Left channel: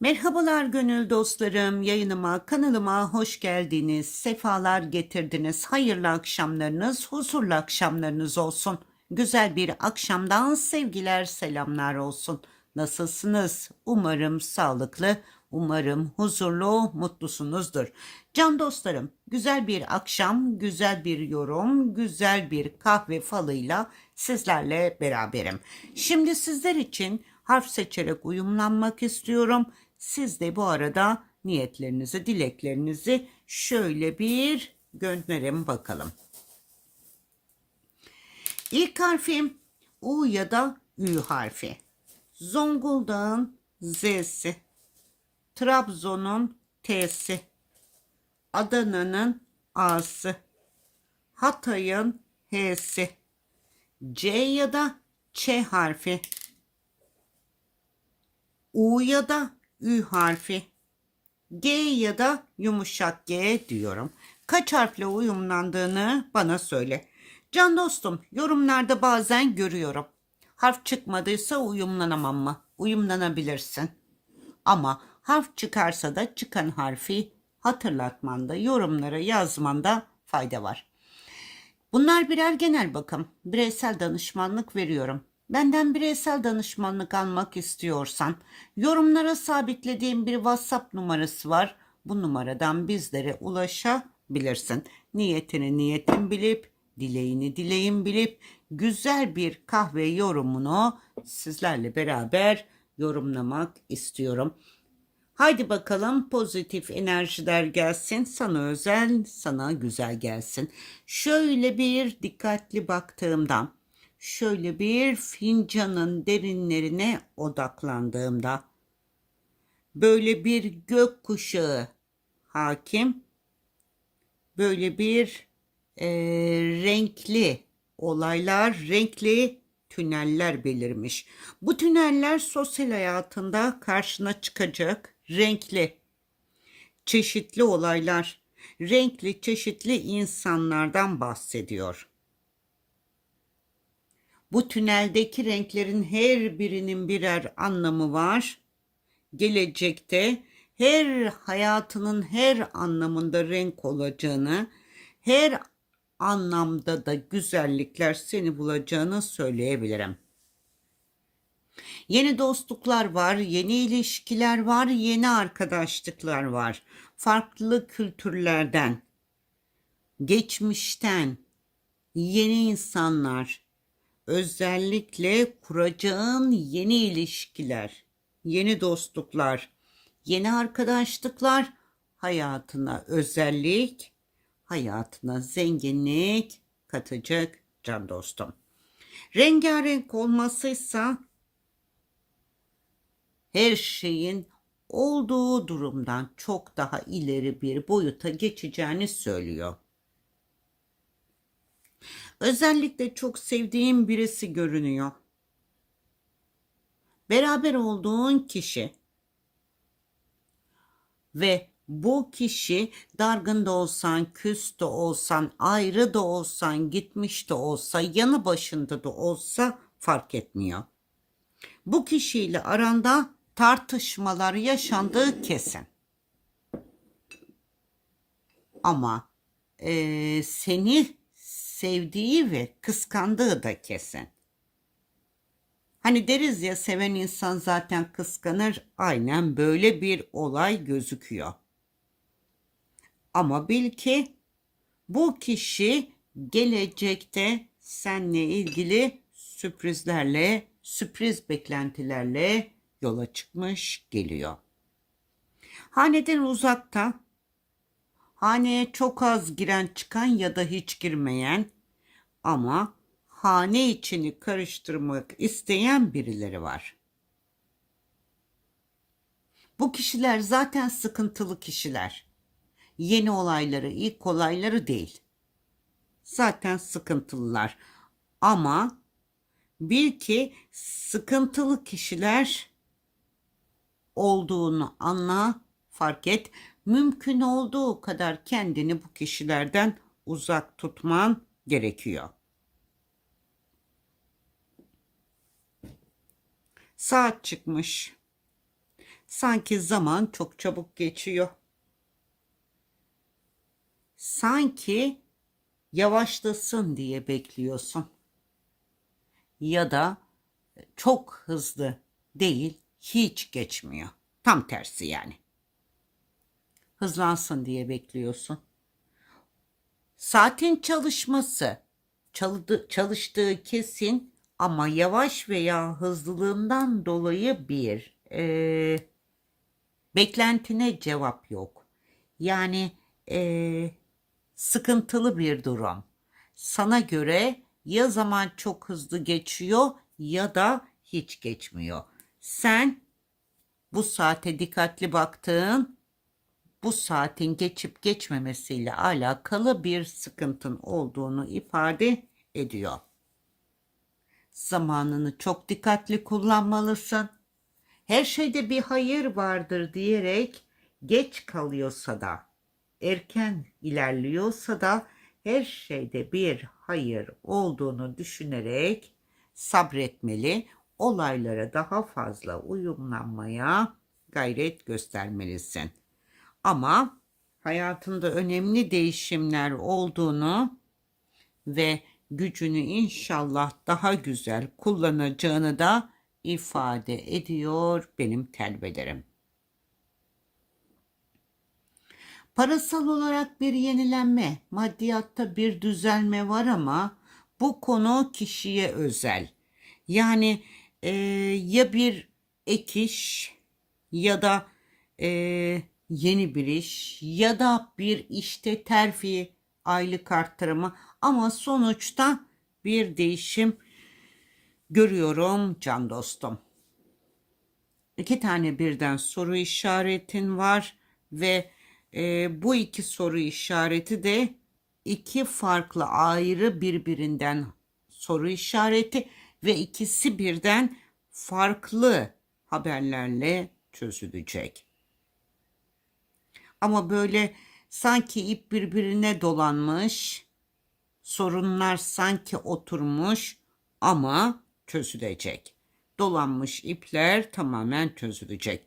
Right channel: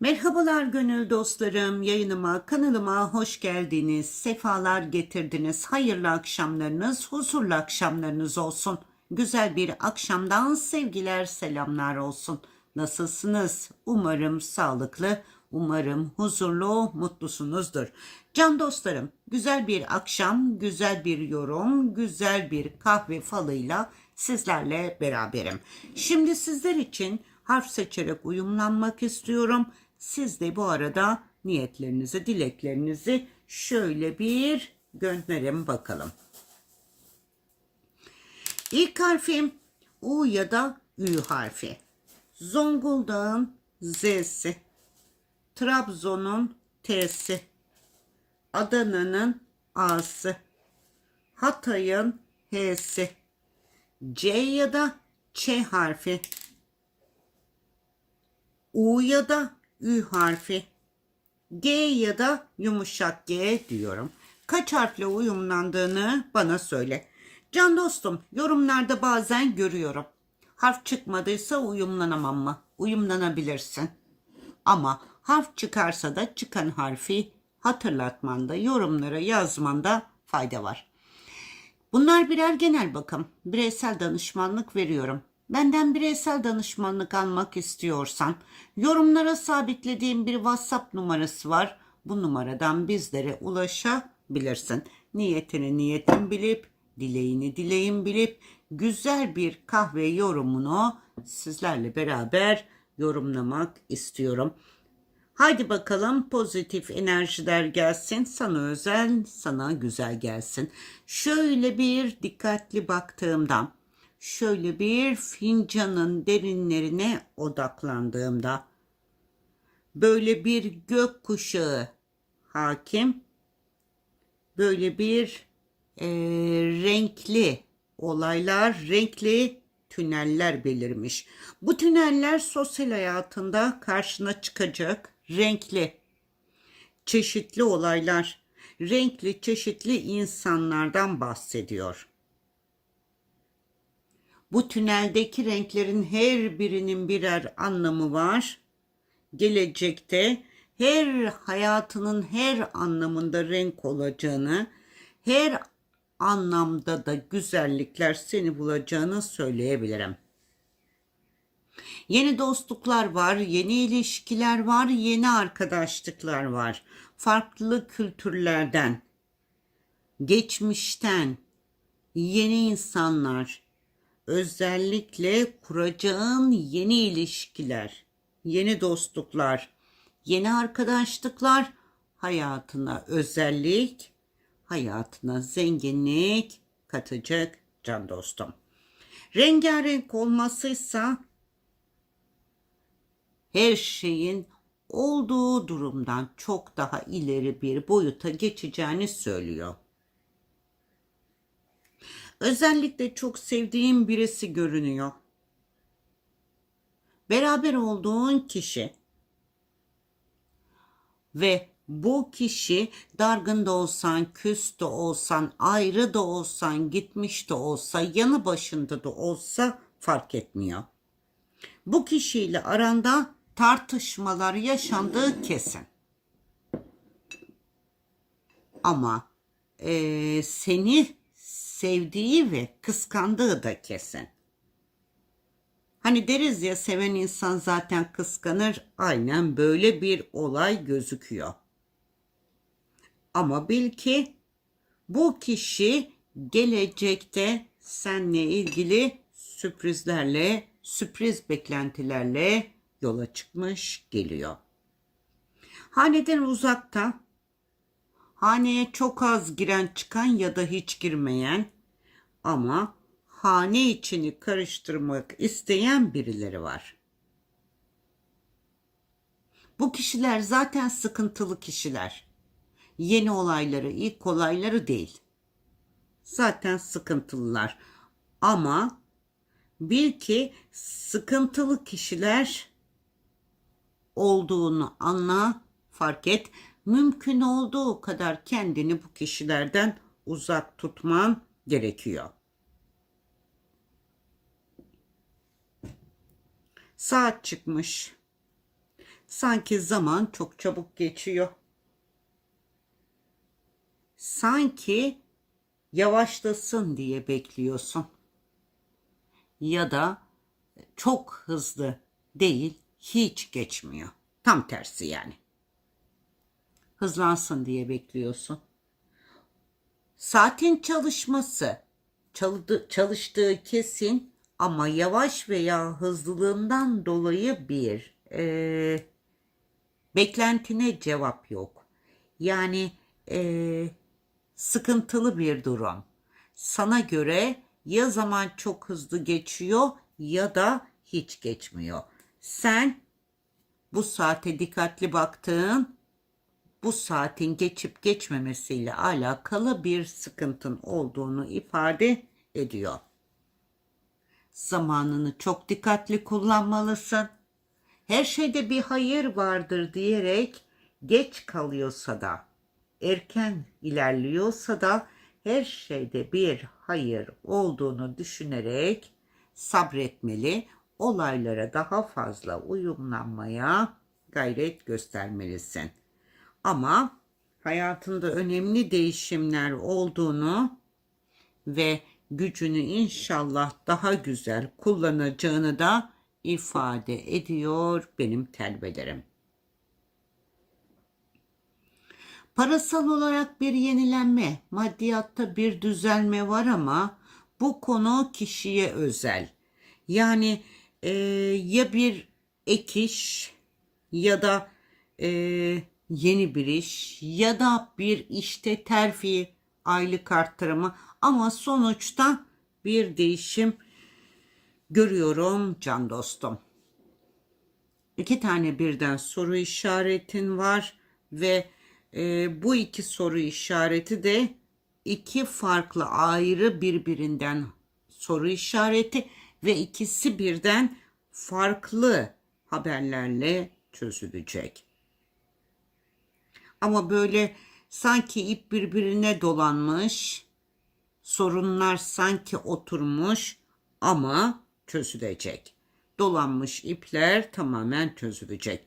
Merhabalar gönül dostlarım, yayınıma, kanalıma hoş geldiniz, sefalar getirdiniz, hayırlı akşamlarınız, huzurlu akşamlarınız olsun. Güzel bir akşamdan sevgiler, selamlar olsun. Nasılsınız? Umarım sağlıklı, umarım huzurlu, mutlusunuzdur. Can dostlarım, güzel bir akşam, güzel bir yorum, güzel bir kahve falıyla sizlerle beraberim. Şimdi sizler için harf seçerek uyumlanmak istiyorum. Siz de bu arada niyetlerinizi, dileklerinizi şöyle bir gönderin bakalım. İlk harfim U ya da Ü harfi. Zonguldak'ın Z'si. Trabzon'un T'si. Adana'nın A'sı. Hatay'ın H'si. C ya da Ç harfi. U ya da Ü harfi. G ya da yumuşak G diyorum. Kaç harfle uyumlandığını bana söyle. Can dostum yorumlarda bazen görüyorum. Harf çıkmadıysa uyumlanamam mı? Uyumlanabilirsin. Ama harf çıkarsa da çıkan harfi hatırlatmanda, yorumlara yazmanda fayda var. Bunlar birer genel bakım. Bireysel danışmanlık veriyorum. Benden bireysel danışmanlık almak istiyorsan yorumlara sabitlediğim bir WhatsApp numarası var. Bu numaradan bizlere ulaşabilirsin. Niyetini niyetin bilip, dileğini dileğin bilip güzel bir kahve yorumunu sizlerle beraber yorumlamak istiyorum. Haydi bakalım pozitif enerjiler gelsin. Sana özel, sana güzel gelsin. Şöyle bir dikkatli baktığımda, şöyle bir fincanın derinlerine odaklandığımda, böyle bir gök kuşağı hakim, böyle bir e, renkli olaylar, renkli tüneller belirmiş. Bu tüneller sosyal hayatında karşına çıkacak renkli, çeşitli olaylar, renkli, çeşitli insanlardan bahsediyor. Bu tüneldeki renklerin her birinin birer anlamı var. Gelecekte her hayatının her anlamında renk olacağını, her anlamda da güzellikler seni bulacağını söyleyebilirim. Yeni dostluklar var, yeni ilişkiler var, yeni arkadaşlıklar var. Farklı kültürlerden, geçmişten yeni insanlar, özellikle kuracağın yeni ilişkiler, yeni dostluklar, yeni arkadaşlıklar hayatına özellik, hayatına zenginlik katacak can dostum. Rengarenk olmasıysa her şeyin olduğu durumdan çok daha ileri bir boyuta geçeceğini söylüyor. Özellikle çok sevdiğim birisi görünüyor. Beraber olduğun kişi ve bu kişi dargın da olsan, küs de olsan, ayrı da olsan, gitmiş de olsa, yanı başında da olsa fark etmiyor. Bu kişiyle aranda tartışmalar yaşandığı kesin. Ama e, seni sevdiği ve kıskandığı da kesin. Hani deriz ya seven insan zaten kıskanır. Aynen böyle bir olay gözüküyor. Ama bil ki bu kişi gelecekte seninle ilgili sürprizlerle, sürpriz beklentilerle yola çıkmış geliyor. Haneden uzakta, haneye çok az giren çıkan ya da hiç girmeyen ama hane içini karıştırmak isteyen birileri var. Bu kişiler zaten sıkıntılı kişiler. Yeni olayları, ilk olayları değil. Zaten sıkıntılılar. Ama bil ki sıkıntılı kişiler olduğunu anla, fark et. Mümkün olduğu kadar kendini bu kişilerden uzak tutman gerekiyor. Saat çıkmış. Sanki zaman çok çabuk geçiyor. Sanki yavaşlasın diye bekliyorsun. Ya da çok hızlı değil, hiç geçmiyor. Tam tersi yani. Hızlansın diye bekliyorsun. Saatin çalışması, çalıştığı kesin ama yavaş veya hızlılığından dolayı bir e, beklentine cevap yok. Yani e, sıkıntılı bir durum. Sana göre ya zaman çok hızlı geçiyor ya da hiç geçmiyor. Sen bu saate dikkatli baktığın bu saatin geçip geçmemesiyle alakalı bir sıkıntın olduğunu ifade ediyor. Zamanını çok dikkatli kullanmalısın. Her şeyde bir hayır vardır diyerek geç kalıyorsa da, erken ilerliyorsa da her şeyde bir hayır olduğunu düşünerek sabretmeli, olaylara daha fazla uyumlanmaya gayret göstermelisin. Ama hayatında önemli değişimler olduğunu ve gücünü inşallah daha güzel kullanacağını da ifade ediyor benim telvelerim. Parasal olarak bir yenilenme, maddiyatta bir düzelme var ama bu konu kişiye özel. Yani e, ya bir ek iş ya da e, yeni bir iş ya da bir işte terfi, aylık arttırımı ama sonuçta bir değişim görüyorum can dostum. İki tane birden soru işaretin var ve e, bu iki soru işareti de iki farklı ayrı birbirinden soru işareti ve ikisi birden farklı haberlerle çözülecek. Ama böyle sanki ip birbirine dolanmış, sorunlar sanki oturmuş ama çözülecek. Dolanmış ipler tamamen çözülecek.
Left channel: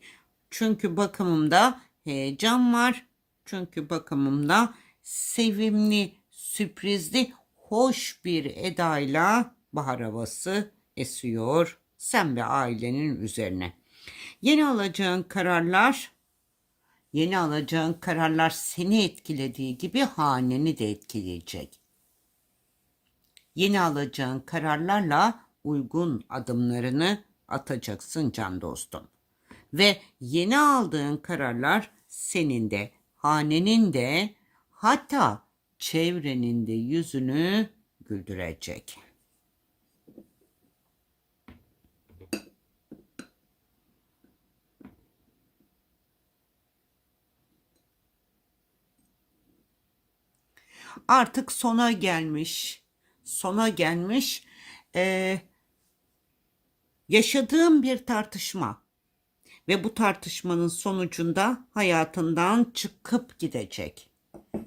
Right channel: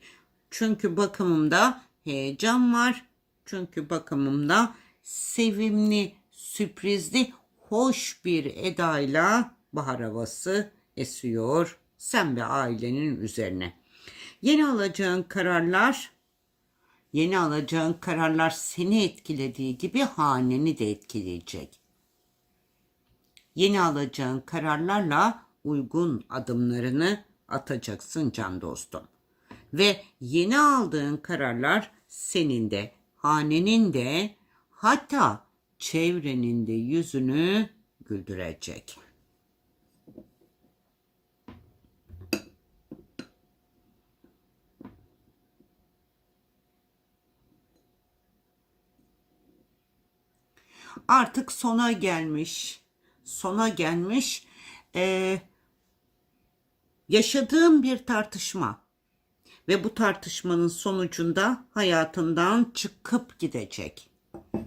Çünkü bakımımda heyecan var. Çünkü bakımımda sevimli, sürprizli, hoş bir edayla bahar havası esiyor sen ve ailenin üzerine. Yeni alacağın kararlar, yeni alacağın kararlar seni etkilediği gibi haneni de etkileyecek. Yeni alacağın kararlarla uygun adımlarını atacaksın can dostum. Ve yeni aldığın kararlar senin de, hanenin de, hatta çevrenin de yüzünü güldürecek. Artık sona gelmiş, sona gelmiş ee, yaşadığım bir tartışma ve bu tartışmanın sonucunda hayatından çıkıp gidecek.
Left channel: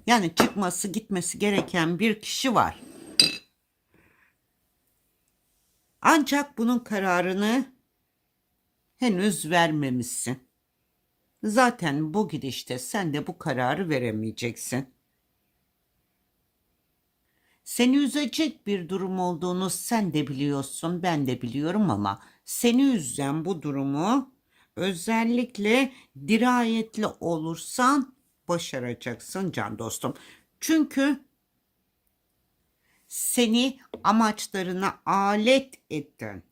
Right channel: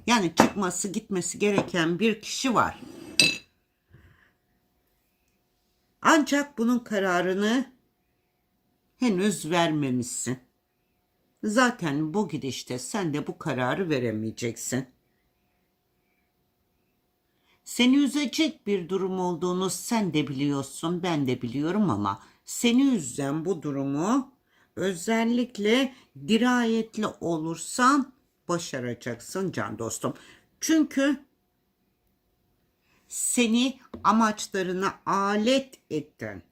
Yani çıkması gitmesi gereken bir kişi var. Ancak bunun kararını henüz vermemişsin. Zaten bu gidişte sen de bu kararı veremeyeceksin. Seni üzecek bir durum olduğunu sen de biliyorsun, ben de biliyorum ama seni üzen bu durumu özellikle dirayetli olursan başaracaksın can dostum. Çünkü seni amaçlarına alet ettin.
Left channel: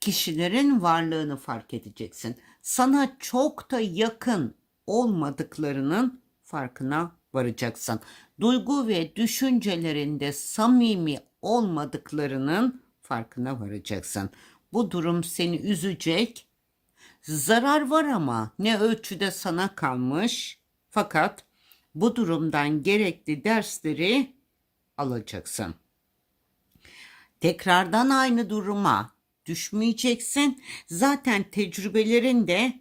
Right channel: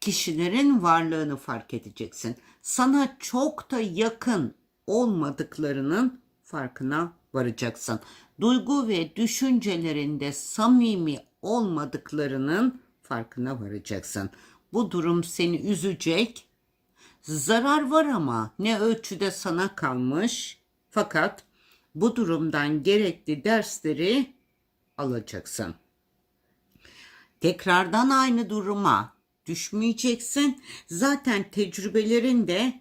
Kişilerin varlığını fark edeceksin. Sana çok da yakın olmadıklarının farkına varacaksın. Duygu ve düşüncelerinde samimi olmadıklarının farkına varacaksın. Bu durum seni üzecek. Zarar var ama ne ölçüde sana kalmış. Fakat bu durumdan gerekli dersleri alacaksın. Tekrardan aynı duruma düşmeyeceksin. Zaten tecrübelerin de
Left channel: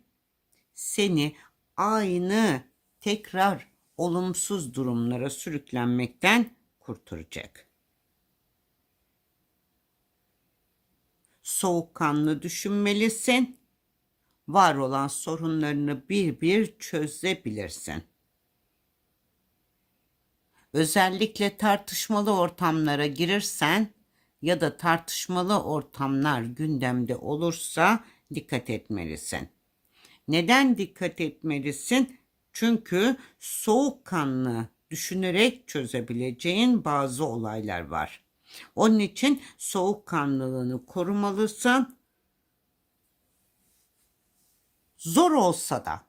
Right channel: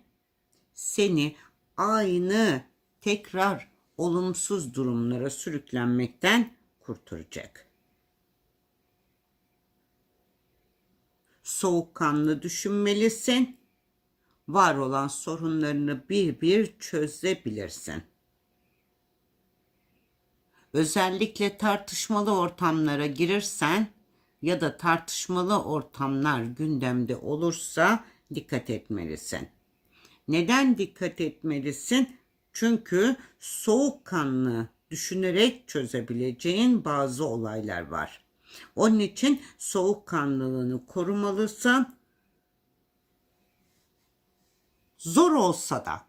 seni aynı tekrar olumsuz durumlara sürüklenmekten kurtaracak. Soğukkanlı düşünmelisin var olan sorunlarını bir bir çözebilirsin. Özellikle tartışmalı ortamlara girirsen ya da tartışmalı ortamlar gündemde olursa dikkat etmelisin. Neden dikkat etmelisin? Çünkü soğukkanlı düşünerek çözebileceğin bazı olaylar var. Onun için soğukkanlılığını korumalısın. Zor olsa da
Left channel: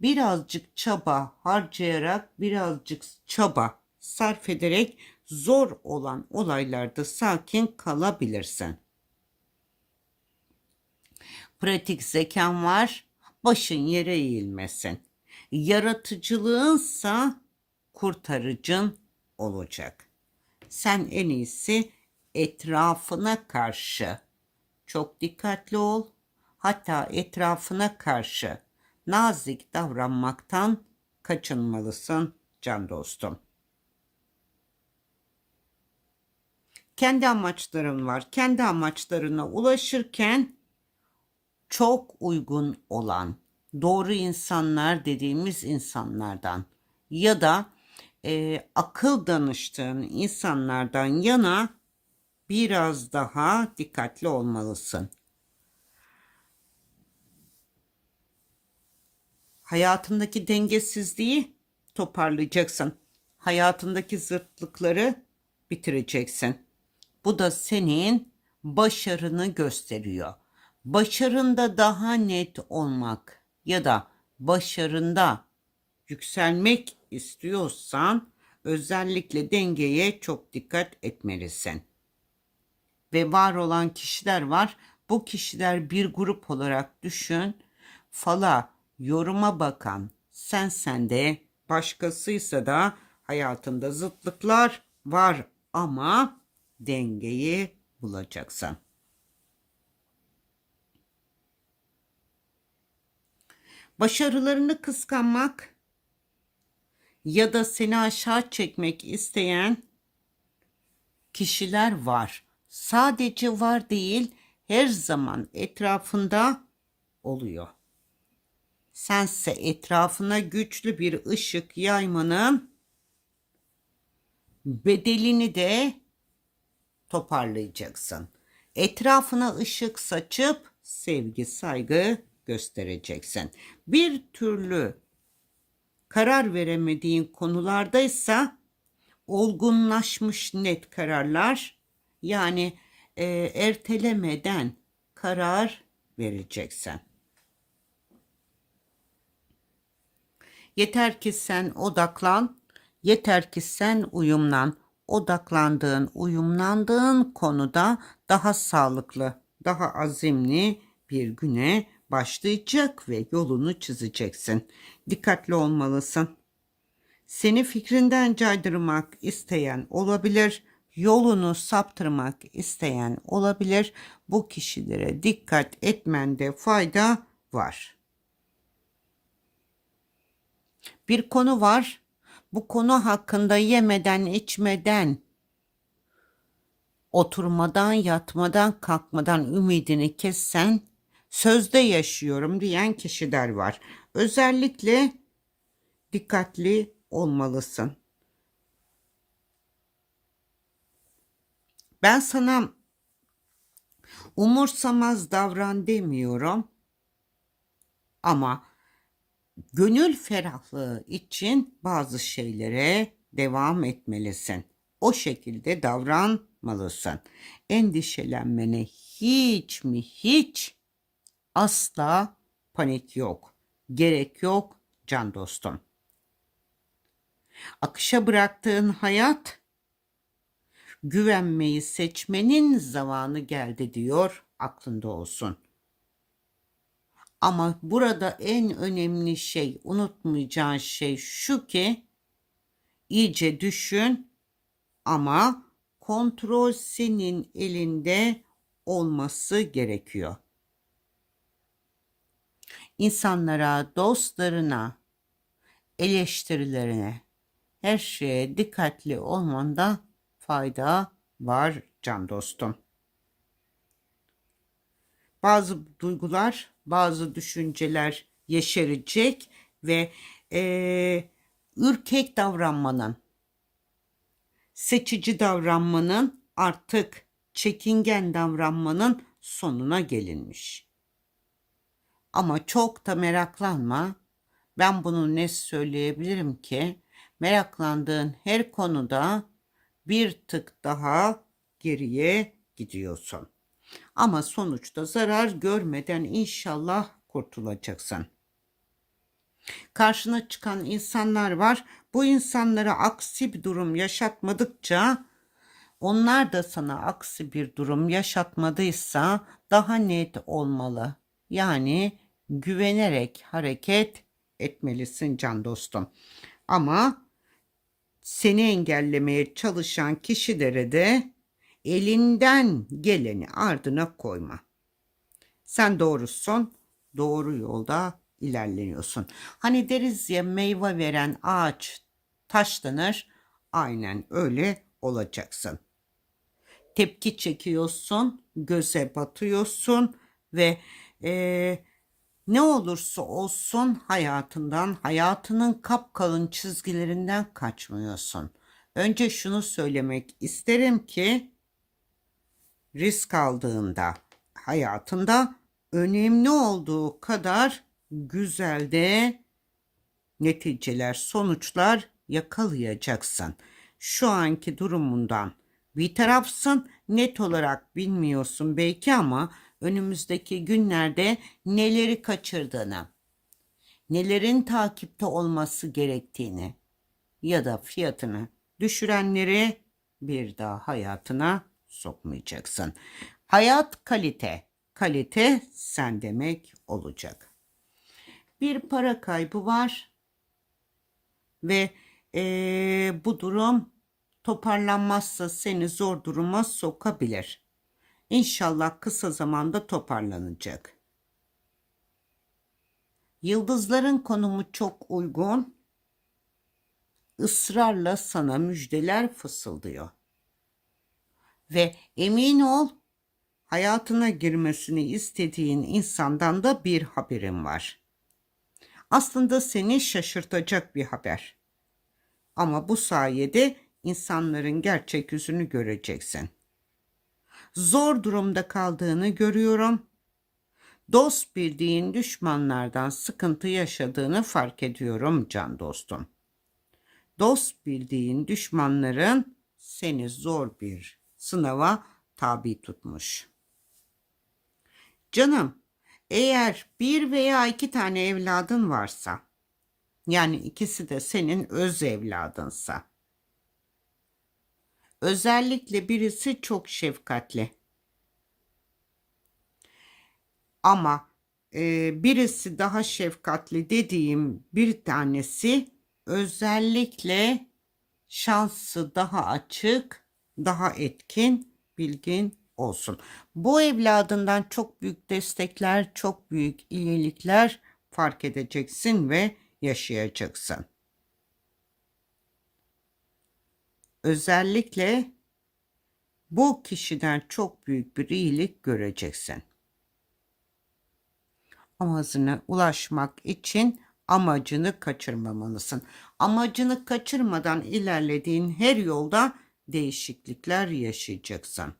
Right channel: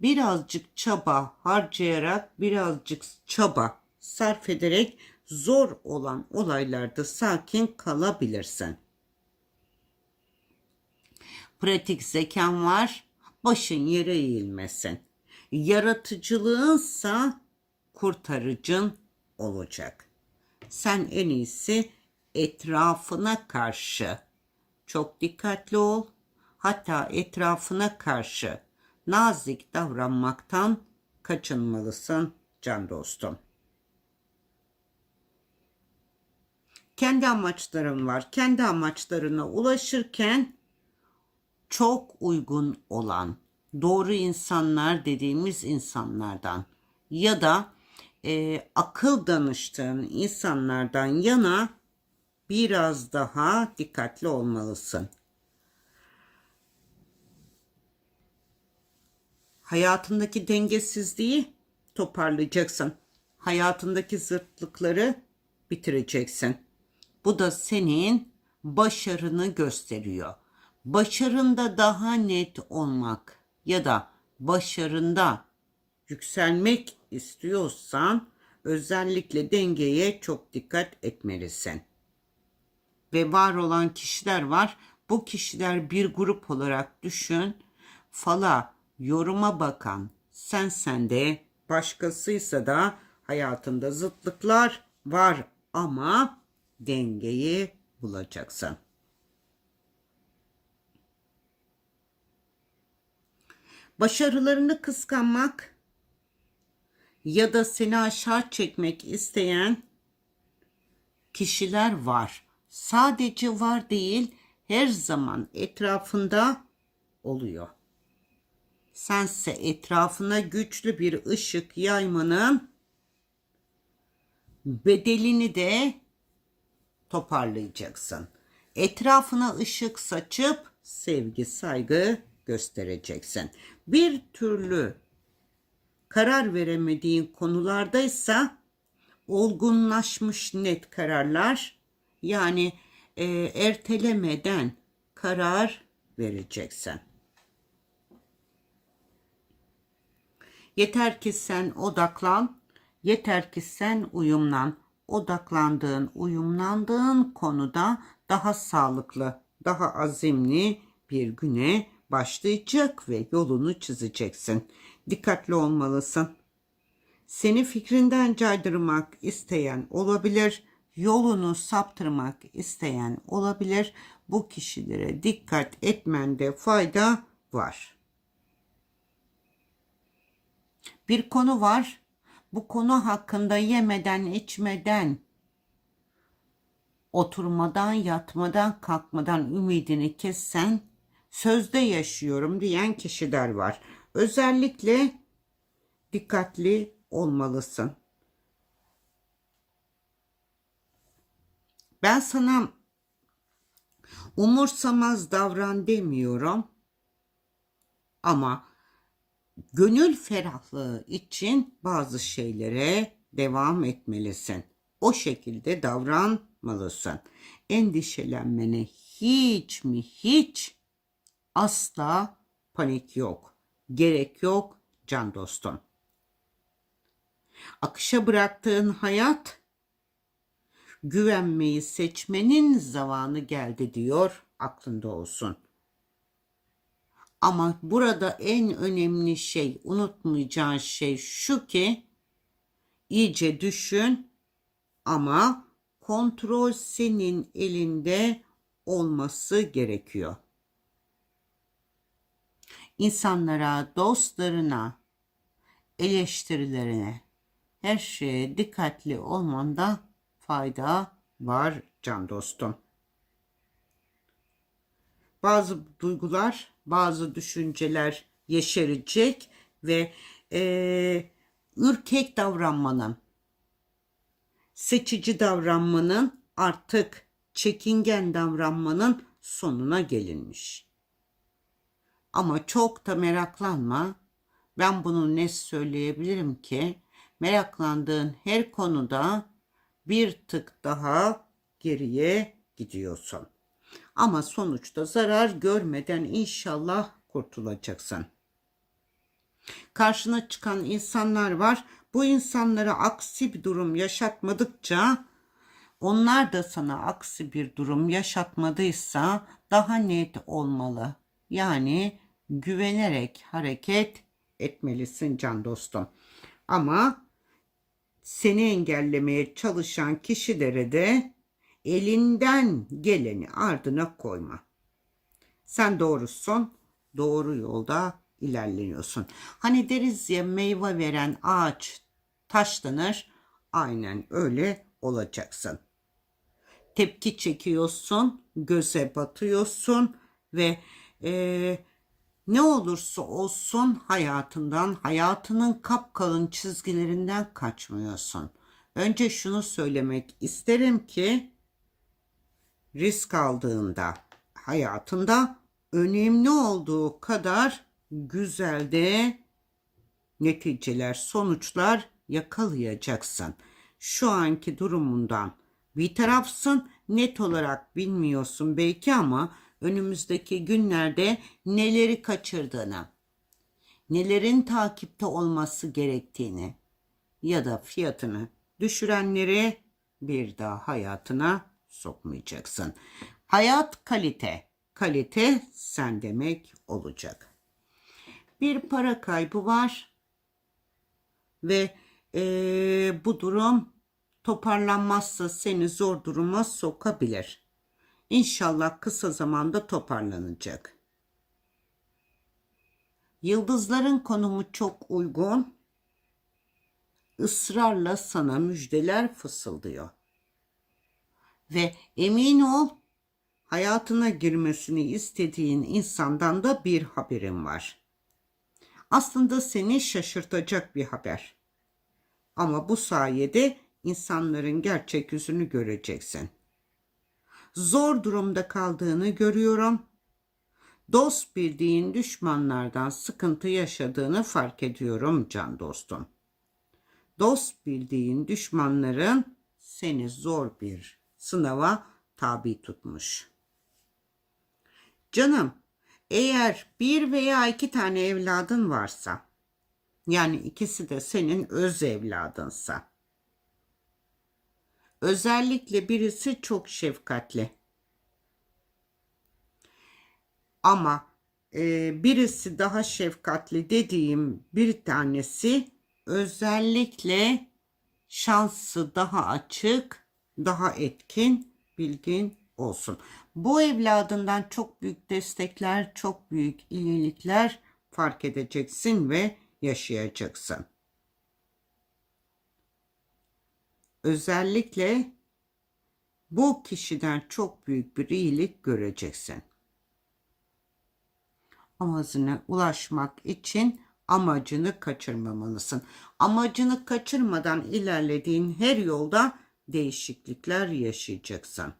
birazcık çaba harcayarak, birazcık çaba sarf ederek zor olan olaylarda sakin kalabilirsin. Pratik zekan var, başın yere eğilmesin. Yaratıcılığınsa kurtarıcın olacak. Sen en iyisi etrafına karşı çok dikkatli ol. Hatta etrafına karşı nazik davranmaktan kaçınmalısın can dostum. Kendi amaçların var. Kendi amaçlarına ulaşırken çok uygun olan doğru insanlar dediğimiz insanlardan ya da e, akıl danıştığın insanlardan yana biraz daha dikkatli olmalısın. Hayatındaki dengesizliği toparlayacaksın. Hayatındaki zıtlıkları bitireceksin. Bu da senin başarını gösteriyor. Başarında daha net olmak ya da başarında yükselmek istiyorsan özellikle dengeye çok dikkat etmelisin. Ve var olan kişiler var. Bu kişiler bir grup olarak düşün. Fala, yoruma bakan, sen sende, başkasıysa da hayatında zıtlıklar var ama dengeyi bulacaksın. Başarılarını kıskanmak ya da seni aşağı çekmek isteyen kişiler var. Sadece var değil, her zaman etrafında oluyor. Sense etrafına güçlü bir ışık yaymanın bedelini de toparlayacaksın. Etrafına ışık saçıp sevgi, saygı göstereceksin. Bir türlü karar veremediğin konulardaysa olgunlaşmış net kararlar yani e, ertelemeden karar vereceksin. Yeter ki sen odaklan, yeter ki sen uyumlan. Odaklandığın, uyumlandığın konuda daha sağlıklı, daha azimli bir güne başlayacak ve yolunu çizeceksin. Dikkatli olmalısın. Seni fikrinden caydırmak isteyen olabilir, yolunu saptırmak isteyen olabilir. Bu kişilere dikkat etmende fayda var. Bir konu var. Bu konu hakkında yemeden içmeden oturmadan, yatmadan, kalkmadan ümidini kessen sözde yaşıyorum diyen kişiler var. Özellikle dikkatli olmalısın. Ben sana umursamaz davran demiyorum. Ama gönül ferahlığı için bazı şeylere devam etmelisin. O şekilde davranmalısın. Endişelenmene hiç mi hiç asla panik yok. Gerek yok can dostum. Akışa bıraktığın hayat güvenmeyi seçmenin zamanı geldi diyor aklında olsun. Ama burada en önemli şey, unutmayacağın şey şu ki iyice düşün ama kontrol senin elinde olması gerekiyor. İnsanlara, dostlarına, eleştirilerine, her şeye dikkatli olmanda fayda var can dostum. bazı duygular, bazı düşünceler yeşerecek ve eee, ürkek davranmanın, seçici davranmanın, artık çekingen davranmanın sonuna gelinmiş. Ama çok da meraklanma. Ben bunu ne söyleyebilirim ki? Meraklandığın her konuda bir tık daha geriye gidiyorsun. Ama sonuçta zarar görmeden inşallah kurtulacaksın. Karşına çıkan insanlar var. Bu insanlara aksi bir durum yaşatmadıkça onlar da sana aksi bir durum yaşatmadıysa daha net olmalı. Yani güvenerek hareket etmelisin can dostum. Ama seni engellemeye çalışan kişilere de elinden geleni ardına koyma. Sen doğrusun, doğru yolda ilerliyorsun. Hani deriz ya meyve veren ağaç taşlanır, aynen öyle olacaksın. Tepki çekiyorsun, göze batıyorsun ve eee, ne olursa olsun hayatından, hayatının kapkalın çizgilerinden kaçmıyorsun. Önce şunu söylemek isterim ki risk aldığında hayatında önemli olduğu kadar güzel de neticeler, sonuçlar yakalayacaksın. Şu anki durumundan bir tarafsın net olarak bilmiyorsun belki ama önümüzdeki günlerde neleri kaçırdığını, nelerin takipte olması gerektiğini ya da fiyatını düşürenleri bir daha hayatına sokmayacaksın. Hayat kalite, kalite sen demek olacak. Bir para kaybı var ve eee, bu durum toparlanmazsa seni zor duruma sokabilir. İnşallah kısa zamanda toparlanacak. Yıldızların konumu çok uygun. Israrla sana müjdeler fısıldıyor. Ve emin ol hayatına girmesini istediğin insandan da bir haberin var. Aslında seni şaşırtacak bir haber. Ama bu sayede insanların gerçek yüzünü göreceksin. Zor durumda kaldığını görüyorum. Dost bildiğin düşmanlardan sıkıntı yaşadığını fark ediyorum can dostum. Dost bildiğin düşmanların seni zor bir sınava tabi tutmuş. Canım, eğer bir veya iki tane evladın varsa, yani ikisi de senin öz evladınsa, özellikle birisi çok şefkatli. Ama e, birisi daha şefkatli dediğim bir tanesi özellikle şansı daha açık, daha etkin, bilgin olsun. Bu evladından çok büyük destekler, çok büyük iyilikler fark edeceksin ve yaşayacaksın. Özellikle bu kişiden çok büyük bir iyilik göreceksin. Amacına ulaşmak için amacını kaçırmamalısın. Amacını kaçırmadan ilerlediğin her yolda değişiklikler yaşayacaksın.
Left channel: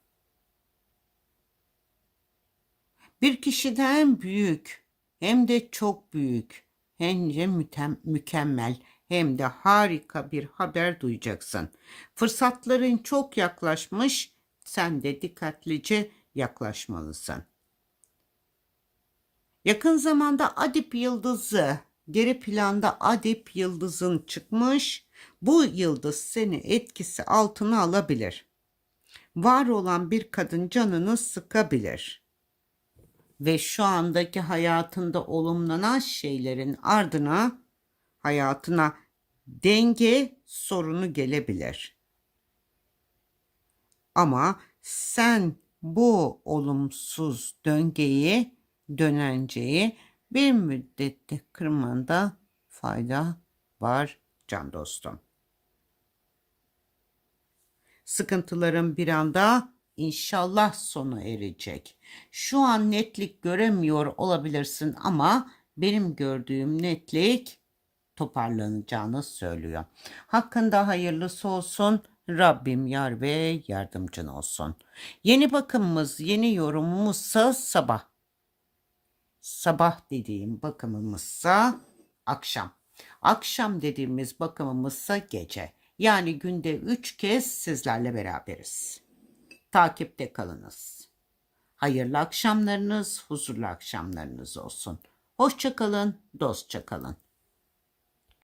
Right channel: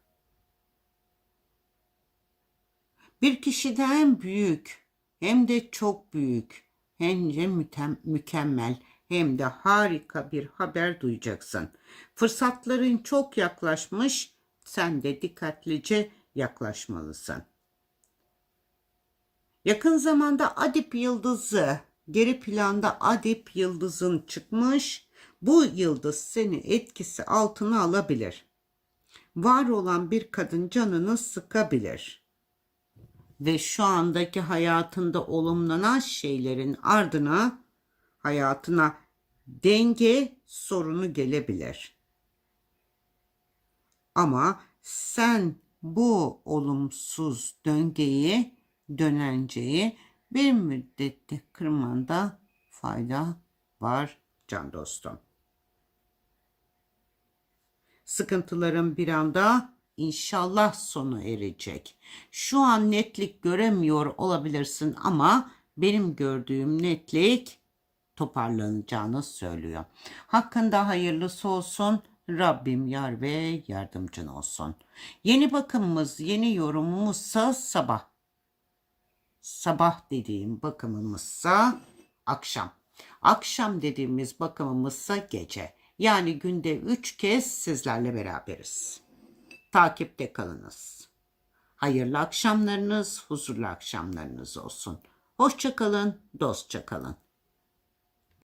Bir kişiden büyük hem de çok büyük hem de mükemmel hem de harika bir haber duyacaksın. Fırsatların çok yaklaşmış, sen de dikkatlice yaklaşmalısın. Yakın zamanda Adip yıldızı, geri planda Adip yıldızın çıkmış. Bu yıldız seni etkisi altına alabilir. Var olan bir kadın canını sıkabilir. Ve şu andaki hayatında olumlanan şeylerin ardına hayatına denge sorunu gelebilir. Ama sen bu olumsuz döngüyi, dönenceyi bir müddette kırmanda fayda var can dostum. Sıkıntıların bir anda inşallah sonu erecek. Şu an netlik göremiyor olabilirsin ama benim gördüğüm netlik toparlanacağını söylüyor. Hakkında hayırlısı olsun. Rabbim yar ve yardımcın olsun. Yeni bakımımız, yeni yorumumuzsa sabah. Sabah dediğim bakımımızsa akşam. Akşam dediğimiz bakımımızsa gece. Yani günde üç kez sizlerle beraberiz. Takipte kalınız. Hayırlı akşamlarınız, huzurlu akşamlarınız olsun. Hoşça kalın, dostça kalın.